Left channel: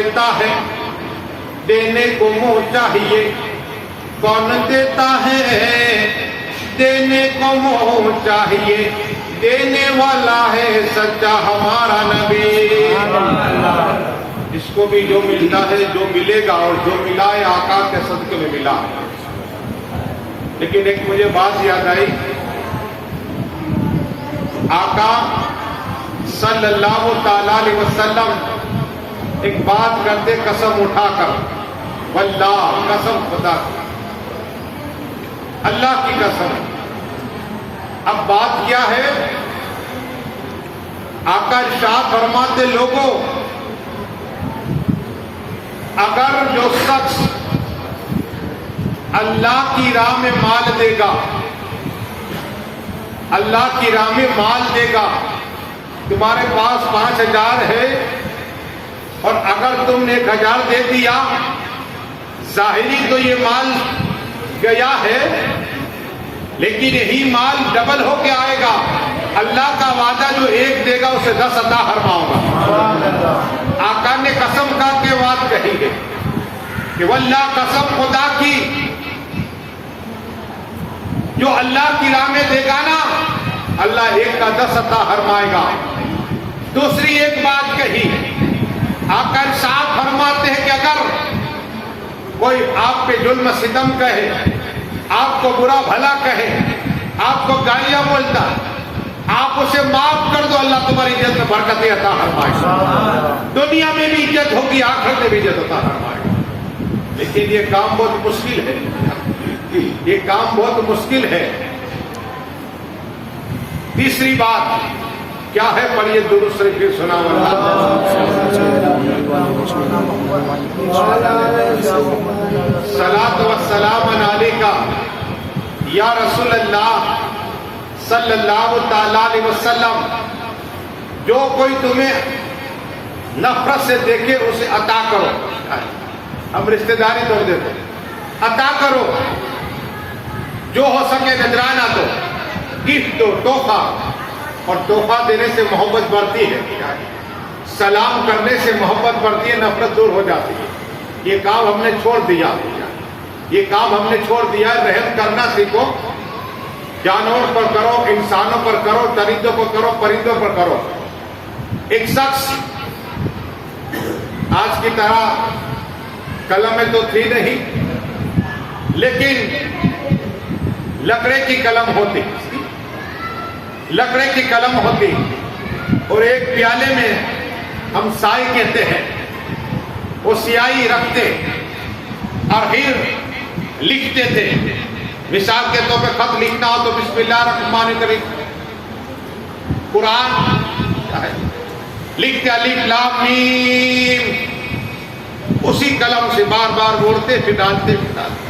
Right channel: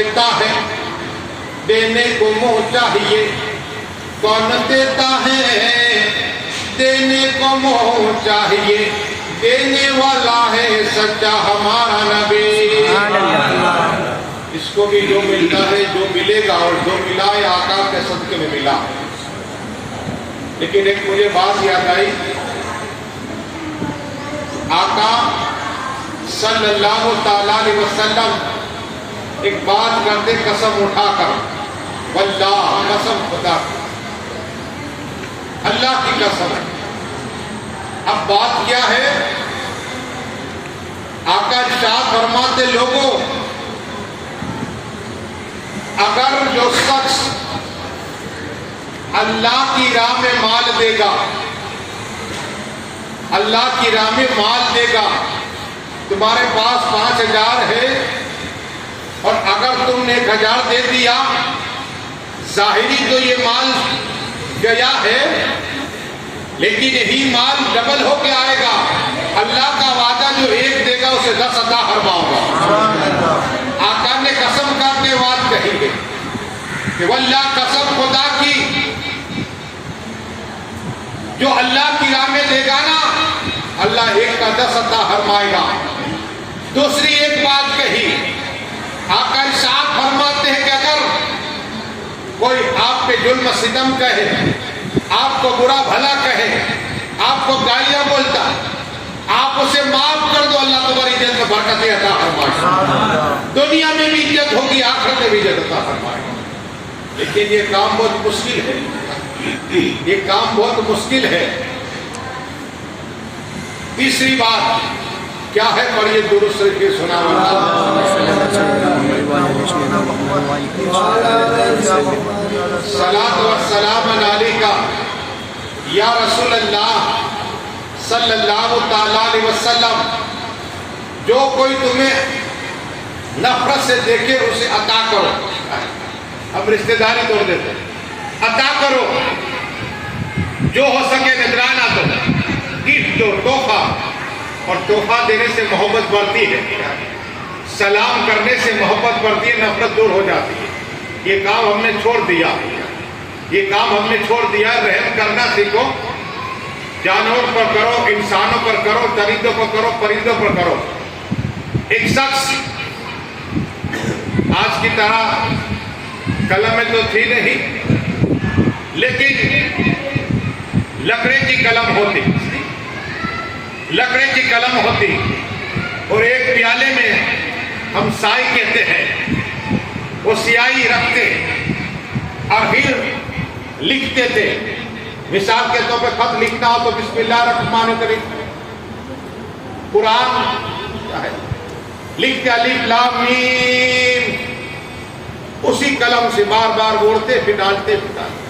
دیتا ہے دینے کو منہ چاہیے، کون دیتا ہے دینے کو منہ چاہیے، دینے والا ہے سچا ہمارا نبی۔ اس کو بھی جو ملتا ہے، جو ملے گا اور جو ملا ہے آقا کے صدقے میں ملا۔ لیکن ایک مجھے بات یاد آئی، آقا صلی اللہ تعالی علیہ وسلم ایک بات کرتے قسم اٹھا کر، واللہ قسم خدا کی، اللہ کی قسم۔ اب بات کیا ہے؟ آقا ارشاد فرماتے لوگوں، اگر جو شخص اللہ کی راہ میں مال دے گا، اللہ کی راہ میں مال دے گا، تمہارے پاس 5,000 ہے اور اگر تم نے 1,000 دے دیا، ظاہری تو یہ مال گیا ہے لیکن یہی مال ڈبل ہو کے آئے گا۔ اللہ کا وعدہ جو 1 دے گا اسے 10 عطا فرماؤں گا۔ آقا نے قسم کھا کے بات کہی ہے کہ واللہ قسم خدا کی، جو اللہ کی راہ میں دے گا نا، اللہ 1 کا 10 عطا فرمائے گا۔ دوسری ایک بات کہی، آقا ارشاد فرماتے ہیں کہ اگر کوئی آپ پہ ظلم ستم کہے، آپ کو برا بھلا کہے، آپ کو گالیاں بولتا، آپ اسے معاف کر دو، اللہ تمہاری عزت میں برکت عطا فرمائے گا۔ دنیا میں بھی عزت ہوگی، آخرت میں بھی عزت عطا فرمائے گا۔ لیکن یہ کام بہت مشکل ہے، یہ کام بہت مشکل ہے۔ تیسری بات کیا ہے؟ پڑھیے درود شریف سنا واللہ صلاۃ و سلام علیکہ یا رسول اللہ صلی اللہ تعالی علیہ وسلم۔ جو کوئی تمہیں نفرت سے دیکھے اسے عطا کرو۔ ہم رشتہ داری توڑ دیتے، عطا کرو، جو ہو سکے نذرانہ دو، گفٹ دو، تحفہ۔ اور تحفہ دینے سے محبت بڑھتی ہے، سلام کرنے سے محبت بڑھتی ہے، نفرت دور ہو جاتی ہے۔ یہ کام ہم نے چھوڑ دیا، یہ کام ہم نے چھوڑ دیا۔ رحم کرنا سیکھو، جانوروں پر کرو، انسانوں پر کرو، درندوں پر کرو، پرندوں پر کرو۔ ایک شخص آج کی طرح قلم میں تو تھی نہیں، لیکن لکڑے کی قلم ہوتی، لکڑے کی قلم ہوتی، اور ایک پیالے میں ہم سائی کہتے ہیں، وہ سیاہی رکھتے اور پھر لکھتے تھے۔ مثال کے طور پہ خط لکھنا ہو تو بسم اللہ الرحمن الرحیم، قرآن لکھتے الف لام میم، اسی قلم سے بار بار موڑتے پھر ڈالتے پھر ڈالتے۔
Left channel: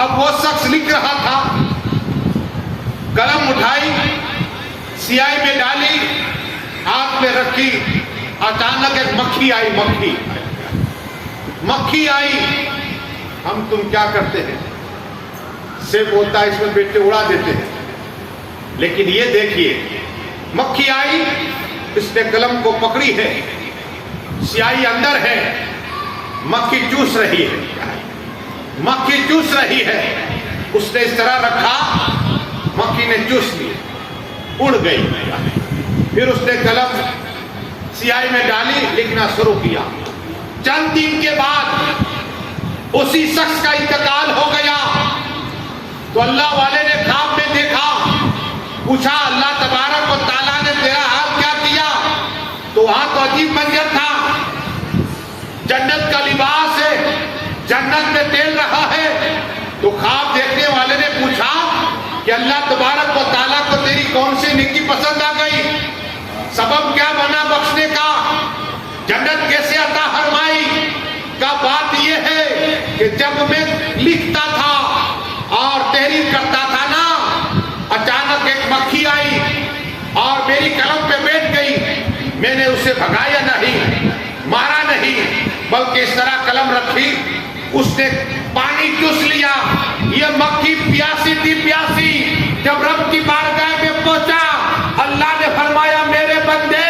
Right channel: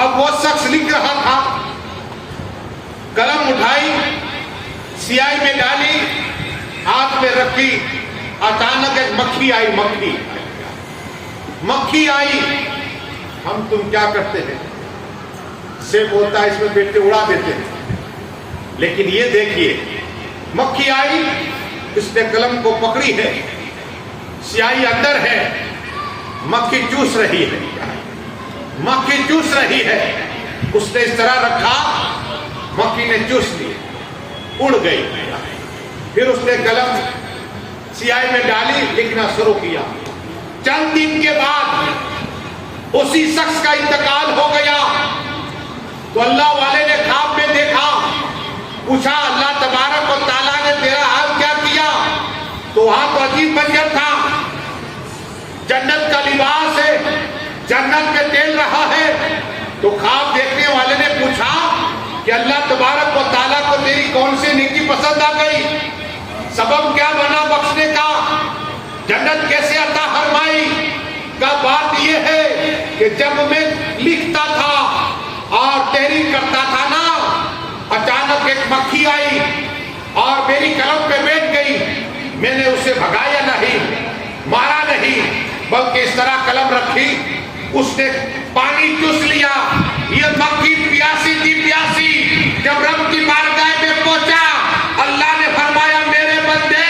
اب وہ شخص لکھ رہا تھا، قلم اٹھائی، سیاہی میں ڈالی، ہاتھ میں رکھی، اچانک ایک مکھی آئی، مکھی آئی۔ ہم تم کیا کرتے ہیں؟ سے بولتا ہے اس میں بیٹے اڑا دیتے ہیں، لیکن یہ دیکھیے، مکھی آئی، اس نے قلم کو پکڑی ہے، سیاہی اندر ہے، مکھی چوس رہی ہے، مکھی چوس رہی ہے۔ اس نے اس طرح رکھا، مکھی نے چوس لی، اڑ گئی۔ پھر اس نے قلم سیاہی میں ڈالی، لکھنا شروع کیا۔ چند دن کے بعد اسی شخص کا انتقال ہو گیا، تو اللہ والے نے خواب میں دیکھا، پوچھا اللہ تبارک و تعالیٰ نے تیرا حال کیا کیا؟ تو وہاں تو عجیب منظر تھا، جنت کا لباس ہے، جنت میں تیل رہا ہے۔ تو خواب دیکھنے والے نے پوچھا کہ اللہ تبارک و تعالیٰ کو تیری کون سی نیکی پسند آ گئی؟ سبب کیا بنا بخشنے کا؟ جنت کیسے عطا فرمائی؟ کا بات یہ ہے کہ جب میں لکھتا تھا اور تحریر کرتا تھا نا، اچانک ایک مکھی آئی اور میری قلم پہ بیٹھ گئی۔ میں نے اسے بھگایا نہیں، مارا نہیں، بلکہ اس طرح قلم رکھی، اس نے پانی چوس لیا۔ یہ مکھی پیاسی تھی، پیاسی۔ جب رب کی بارگاہ میں پہنچا، اللہ نے فرمایا میرے بندے،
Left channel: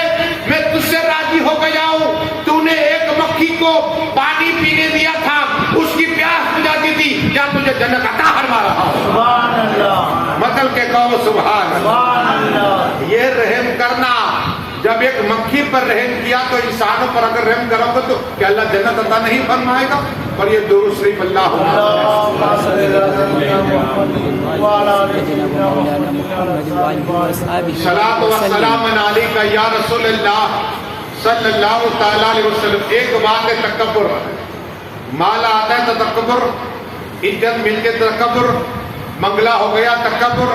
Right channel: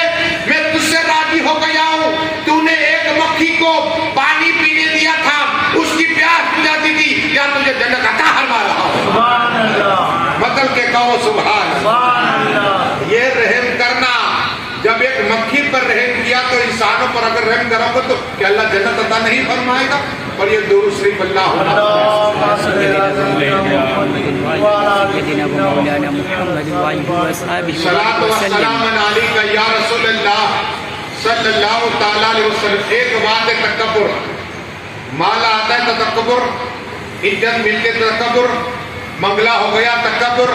میں تجھ سے راضی ہو گیا ہوں، تو نے ایک مکھی کو پانی پینے دیا تھا اس کی پیاس بجھاتی تھی، کیا تجھے جنت عطا فرما رہا ہوں؟ سبحان اللہ، مطل کے کہو سبحان اللہ۔ سبحان اللہ۔ یہ رحم کرنا، جب ایک مکھی پر رحم کیا تو انسانوں پر اگر رحم کرو گے تو کیا اللہ جنت عطا نہیں فرمائے گا؟ اور یہ درود شریف اللہ صلاۃ و سلام علیک یا رسول اللہ صلی اللہ تعالی علیہ وسلم۔ ایک بات ہے تکبر، مالا آتا ہے تو تکبر، عزت مل کے تکبر، منگلا ہو گیا تکبر،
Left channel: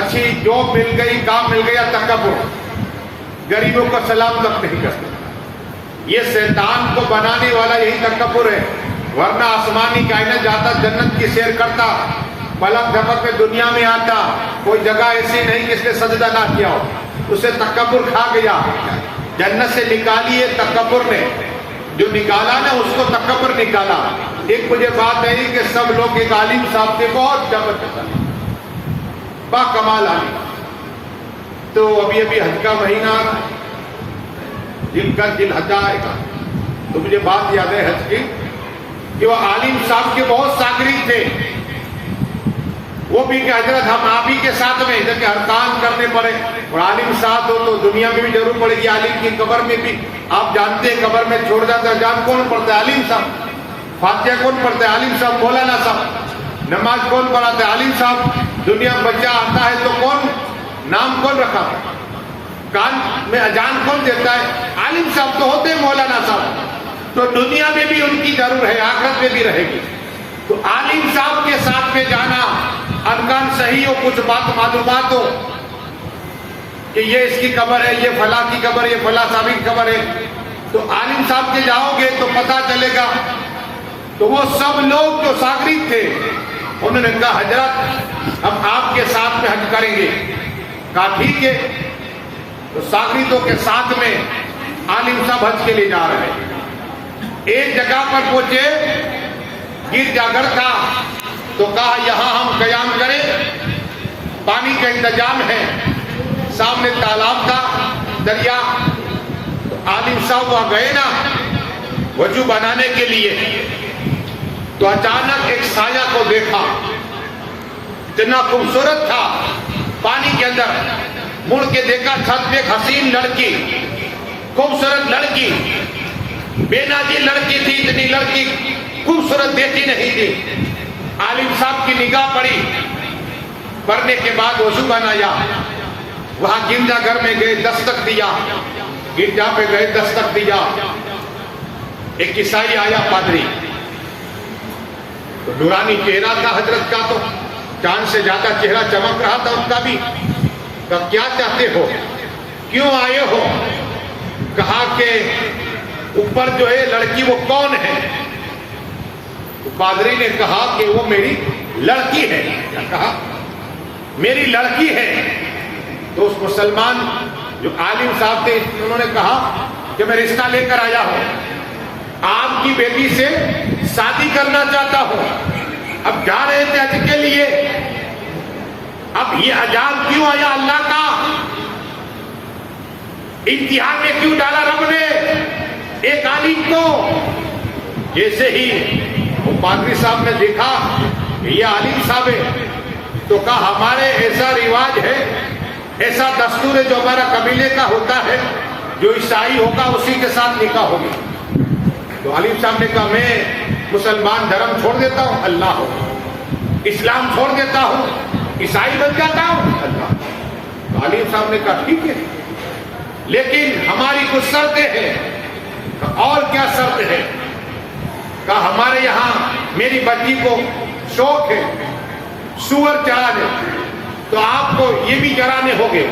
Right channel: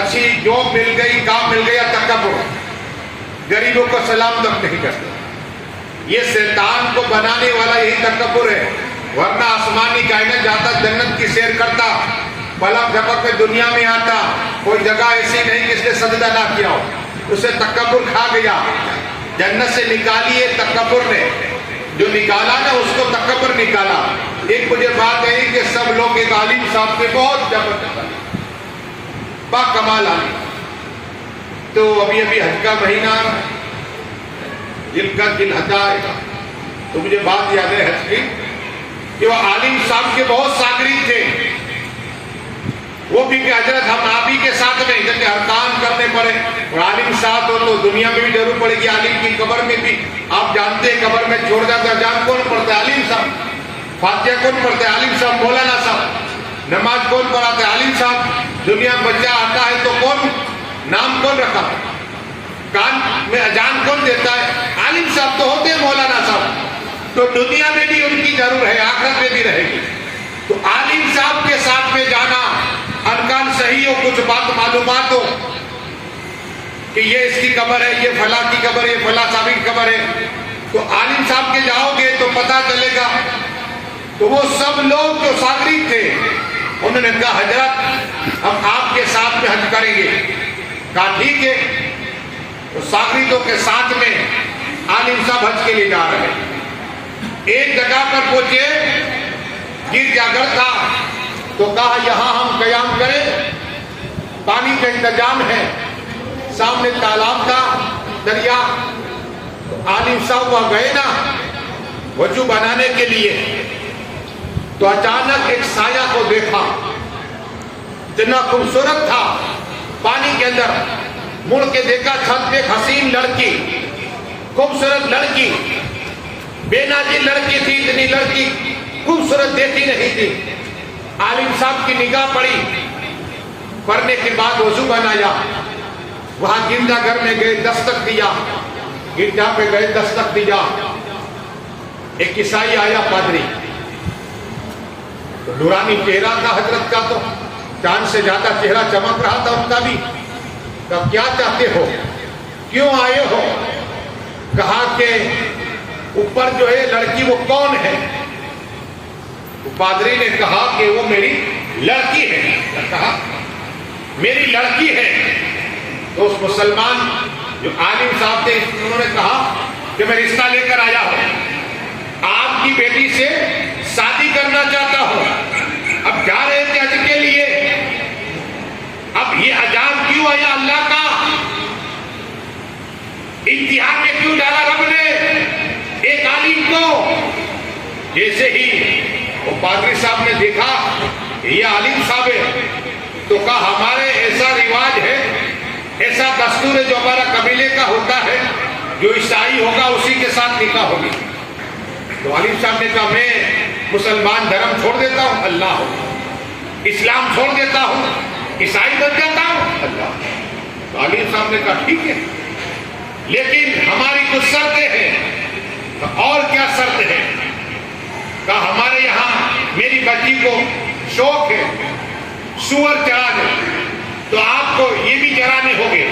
اچھی جاب مل گئی، کام مل گیا تکبر، غریبوں کو سلام تک نہیں کرتے۔ یہ شیطان کو بنانے والا یہی تکبر ہے، ورنہ آسمانی کائنات جاتا، جنت کی سیر کرتا، پلک جھپک میں دنیا میں آتا، کوئی جگہ ایسی نہیں جس نے سجدہ نہ کیا ہو، اسے تکبر کھا گیا، جنت سے نکالی ہے تکبر نے، جو نکالا نا اس کو تکبر نکالا۔ ایک مجھے بات ہے کہ سب لوگ ایک عالم صاحب کے بہت زبردست با کمال عالم، تو ابھی حج کا مہینہ آ رہا ہے، دل کا دل حجا آئے گا، تو مجھے بات یاد ہے حج کی کہ وہ عالم صاحب کے بہت شاگرد تھے، وہ بھی کہ حضرت ہم آپ ہی کے ساتھ میں ادھر کے ارکان کرنے پڑے، اور عالم صاحب تو دنیا میں بھی ضرور پڑے گی، عالم کی قبر میں بھی آپ جانتے ہیں قبر میں چھوڑ جاتا ہے، جان کون پڑھتا ہے؟ عالم صاحب۔ فاتحہ کون پڑھتا ہے؟ عالم صاحب۔ مولانا صاحب۔ نماز کون پڑھاتا ہے؟ عالم صاحب۔ دنیا میں بچہ آتا ہے تو کون نام کون رکھا؟ کان میں اذان کون دیتا ہے؟ عالم صاحب تو ہوتے ہیں مولانا صاحب، تو دنیا میں بھی ان کی ضرور ہے، آخرت میں بھی رہے گی۔ تو عالم صاحب کے ساتھ میں جانا، ارکان صحیح ہو، کچھ بات معلومات ہو کہ یہ اس کی قبر ہے، یہ فلاں کی قبر ہے، یہ فلاں صاحب کی قبر ہے، تو عالم صاحب کے جاؤ گے تو پتہ چلے گا۔ تو وہ سب لوگ جو شاگرد تھے انہوں نے کہا حضرت ہم آپ کے ساتھ میں حج کریں گے۔ کہا ٹھیک ہے۔ تو شاگردوں کے ساتھ میں عالم صاحب حج کے لیے جا رہے ہیں۔ ایک جگہ پر پہنچے، گرجا گھر تھا، تو کہا یہاں ہم قیام کریں، پانی کا انتظام ہے، سامنے تالاب تھا، دریا۔ تو عالم صاحب وہاں گئے نا وضو بنانے کے لیے، تو اچانک ایک سایہ کو دیکھا، اتنا خوبصورت تھا پانی کے اندر، مڑ کے دیکھا چھت پہ ایک حسین لڑکی، خوبصورت لڑکی، بے نازی لڑکی تھی، اتنی لڑکی خوبصورت دیکھی نہیں تھی۔ عالم صاحب کی نگاہ پڑی، پڑھنے کے بعد وضو بنایا، وہاں گرجا گھر میں گئے، دستک دیا، گرجا پہ گئے، دستک دیا، ایک عیسائی آیا، پادری، تو نورانی چہرہ تھا حضرت کا، تو چاند سے زیادہ چہرہ چمک رہا تھا ان کا بھی۔ کہا کیا چاہتے ہو، کیوں آئے ہو؟ کہا کہ اوپر جو ہے لڑکی وہ کون ہے؟ تو پادری نے کہا کہ وہ میری لڑکی ہے۔ کہا میری لڑکی ہے؟ تو اس مسلمان جو عالم صاحب تھے انہوں نے کہا کہ میں رشتہ لے کر آیا ہوں، آپ کی بیٹی سے شادی کرنا چاہتا ہوں۔ اب جا رہے تھے حج کے لیے، اب یہ عذاب کیوں آیا اللہ کا؟ امتحان میں کیوں ڈالا رب نے ایک عالم کو؟ جیسے ہی وہ پادری صاحب نے دیکھا کہ یہ عالم صاحب ہے، تو کہا ہمارے ایسا رواج ہے، ایسا دستور ہے جو ہمارا قبیلے کا ہوتا ہے، جو عیسائی ہوگا اسی کے ساتھ نکاح ہوگی۔ تو عالم صاحب نے کہا میں مسلمان دھرم چھوڑ دیتا ہوں، اللہ ہو، اسلام چھوڑ دیتا ہوں، عیسائی بن جاتا ہوں، اللہ۔ تو عالم صاحب نے کہا ٹھیک ہے، لیکن ہماری کچھ شرطیں ہیں۔ اور کیا شرط ہے؟ کہا ہمارے یہاں میری بچی کو شوق ہے سور چرانے، تو آپ کو یہ بھی چرانے ہوگے۔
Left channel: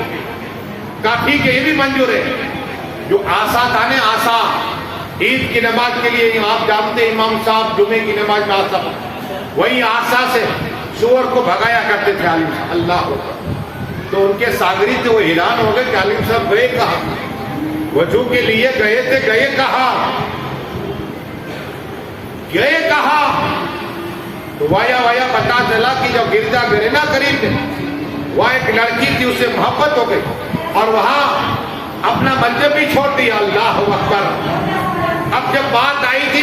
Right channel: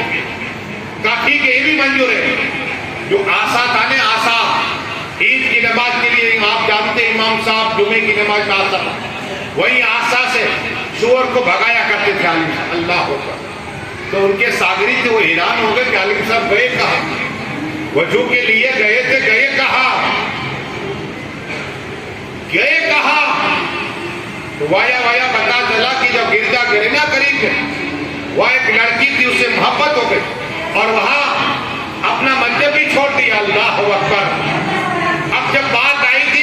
کہا ٹھیک ہے، یہ بھی منظور ہے۔ جو آسا تھا نا، آسا، عید کی نماز کے لیے آپ جانتے ہیں امام صاحب جمعے کی نماز میں آسا، وہی آسا سے سور کو بھگایا کرتے تھے عالم صاحب، اللہ اکبر۔ تو ان کے شاگرد تھے، وہ اعلان ہو گئے کہ عالم صاحب گئے کہاں؟ وضو کے لیے گئے تھے، گئے کہاں؟ گئے کہاں؟ تو وایا پتا چلا کہ جب گرجا گھر نا قریب ہے، وہاں ایک لڑکی تھی، اس سے محبت ہو گئی، اور وہاں اپنا منصب بھی چھوڑ دیا، اللہ اکبر۔ اب جب بات آئی تھی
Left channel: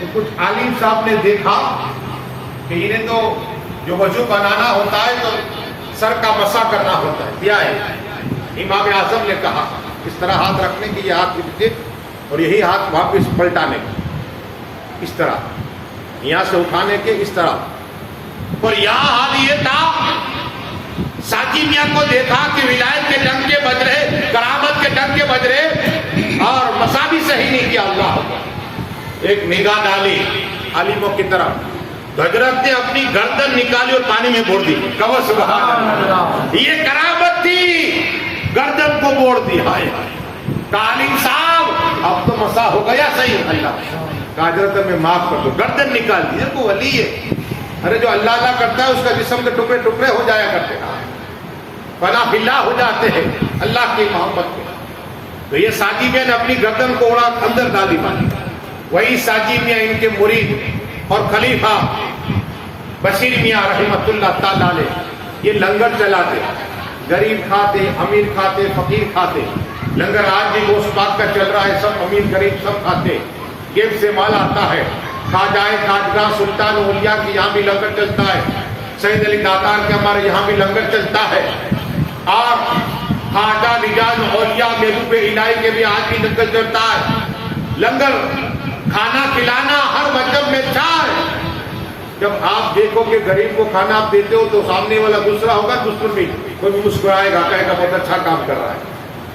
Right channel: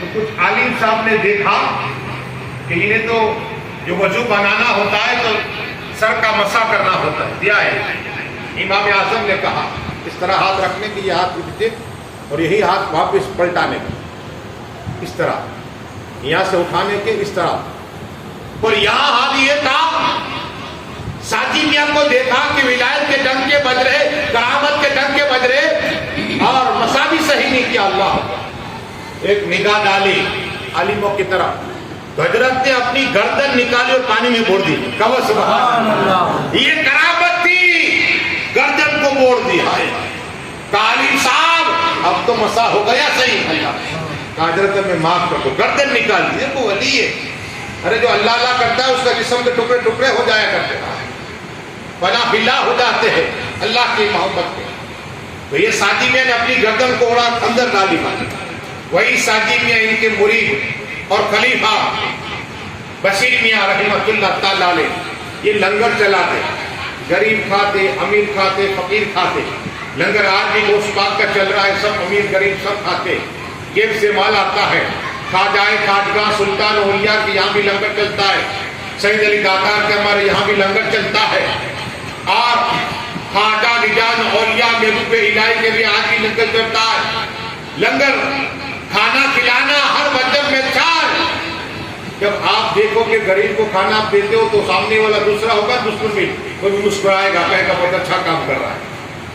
تو کچھ عالم صاحب نے دیکھا کہ انہیں تو جو وضو بنانا ہوتا ہے تو سر کا مسح کرنا ہوتا ہے، دیا ہے۔ امام اعظم نے کہا اس طرح ہاتھ رکھنے کی، یہ ہاتھ کے پیچھے اور یہی ہاتھ واپس پلٹانے کے، اس طرح یہاں سے اٹھانے کے، اس طرح۔ اور یہاں حال یہ تھا، ساجی میاں کو دیکھا کہ ولایت کے ڈنکے بج رہے، کرامت کے ڈنکے بج رہے اور مسا بھی صحیح نہیں کیا۔ اللہ اکبر۔ ایک نگاہ ڈالی عالموں کی طرف، حضرت نے اپنی گردن نکالی اور پانی میں بوڑ دی۔ کہو سبحان اللہ۔ یہ کرامت تھی، گردن کو بوڑ دیا ہے۔ عالم صاحب اب تو مسا ہو گیا صحیح، اللہ کہا حضرت میں معاف کر دو، گردن نکال دی۔ وہ ولی ہے، ارے جو اللہ اللہ کرتا ہے اس کا جسم کے ٹکڑے ٹکڑے ہو جایا کرتے ہیں، فنا فلا ہو جاتے ہیں اللہ کی محبت کے۔ تو یہ ساجی میاں نے اپنی گردن کو اڑا اندر ڈالی پانی۔ وہی ساجی میاں ان کے مرید اور خلیفہ بشیر میاں رحمۃ اللہ تعالی علیہ یہ لنگر چلاتے، غریب کھاتے، امیر کھاتے، فقیر کھاتے۔ لنگر آج بھی گوشت پاک کا چل رہا ہے، سب امیر غریب سب کھاتے، جیب سے مال آتا ہے۔ خواجہ خواجگاہ سلطان اولیاء کے یہاں بھی لنگر چلتا ہے، سید علی دادار کے ہمارے یہاں بھی لنگر چلتا ہے، اور خواجہ رجال اولیاء محبوب الہی کے بھی آج بھی لنگر چلتا ہے۔ لنگر کھانا کھلانا ہر مذہب میں چار۔ جب آپ دیکھو کہ غریب کو کھانا آپ دیتے ہو تو سامنے والا دوسرا ہوگا، دشمن بھی کوئی بھی مسکرائے گا، کہے گا بہت اچھا کام کر رہا ہے۔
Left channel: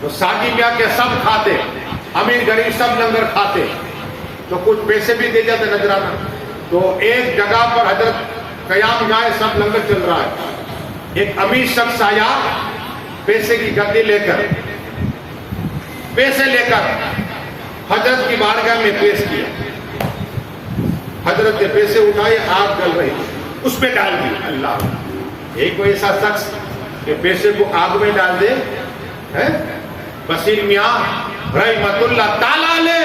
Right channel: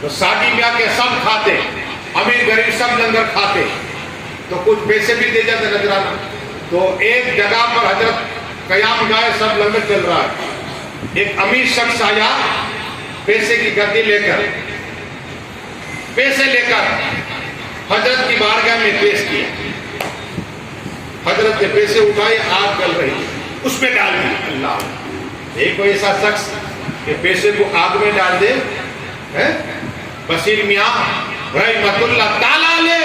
تو ساجی میاں کے سب کھاتے، امیر غریب سب لنگر کھاتے، تو کچھ پیسے بھی دے جاتے نذرانہ۔ تو ایک جگہ پر حضرت قیام گائے، سب لنگر چل رہا ہے۔ ایک امیر شخص آیا پیسے کی گدی لے کر، پیسے لے کر حضرت کی بارگاہ میں پیش کیا۔ حضرت نے پیسے اٹھائے، آگ جل رہی اس میں ڈال دی۔ اللہ، ایک کوئی ایسا شخص کہ پیسے کو آگ میں ڈال دے، بشیر میاں رحمۃ اللہ تعالی علیہ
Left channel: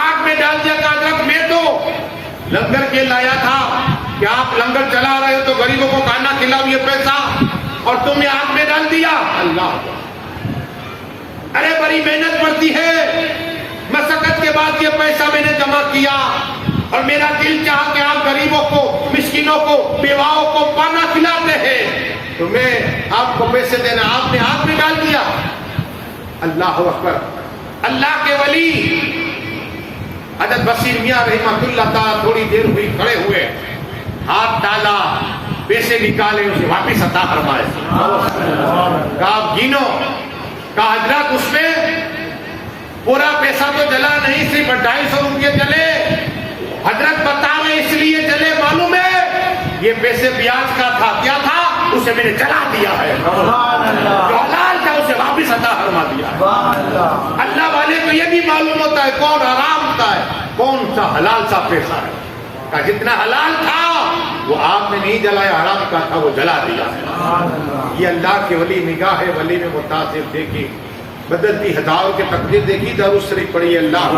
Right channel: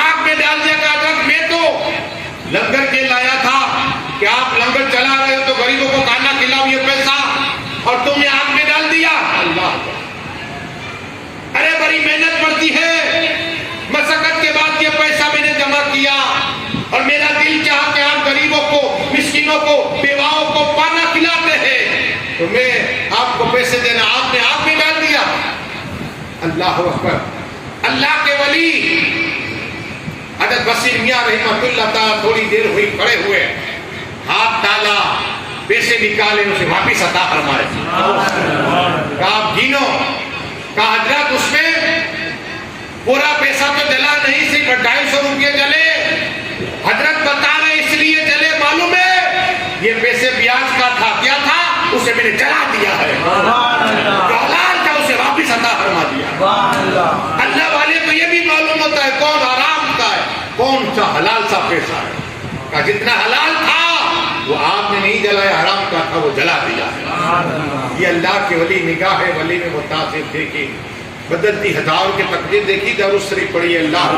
آگ میں ڈال دیا۔ کہا حضرت میں تو لنگر کے لایا تھا کہ آپ لنگر چلا رہے ہو تو غریبوں کو کھانا کھلاؤ، یہ پیسہ اور تم نے آگ میں ڈال دیا۔ اللہ، ارے بڑی محنت پڑتی ہے، مشقت کے بعد یہ پیسہ میں نے جمع کیا اور میرا دل چاہا کہ آپ غریبوں کو، مسکینوں کو، بیواؤں کو کھانا کھلاتے ہیں تو میں آپ کو پیسے دینا، آپ نے آگ میں ڈال دیا۔ اللہ اکبر۔ اللہ کے ولی حضرت بشیر میاں رحمۃ اللہ تعالیٰ تھوڑی دیر ہوئی کھڑے ہوئے، ہاتھ ڈالا، پیسے نکالے، اسے واپس عطا فرمائے۔ کہا آپ گینو، کہا حضرت اس میں پورا پیسہ تو جلا نہیں، صرف 250 روپے جلے۔ حضرت بتا رہے اس لیے جلے، معلوم ہے یہ پیسے بیاج کا تھا، کیا تھا اسے میں نے جلا دیا ہے، جو حلال تھا اسے واپس عطا فرما دیا۔ اللہ والے کو یہ بھی معلوم ہوتا ہے کون حرام کا ہے، کون سا حلال سا پیسہ ہے۔ کہ جتنا حلال تھا وہ آپ نے نہیں جلایا، حرام کا تھا وہ جلا دیا ہے۔ یہ اللہ کے ولی نگاہ ہے، ولی میں متاثر دیکھی، بدلتی ہزاروں کے تقدیر دیکھی، درود شریف پڑھی اللہ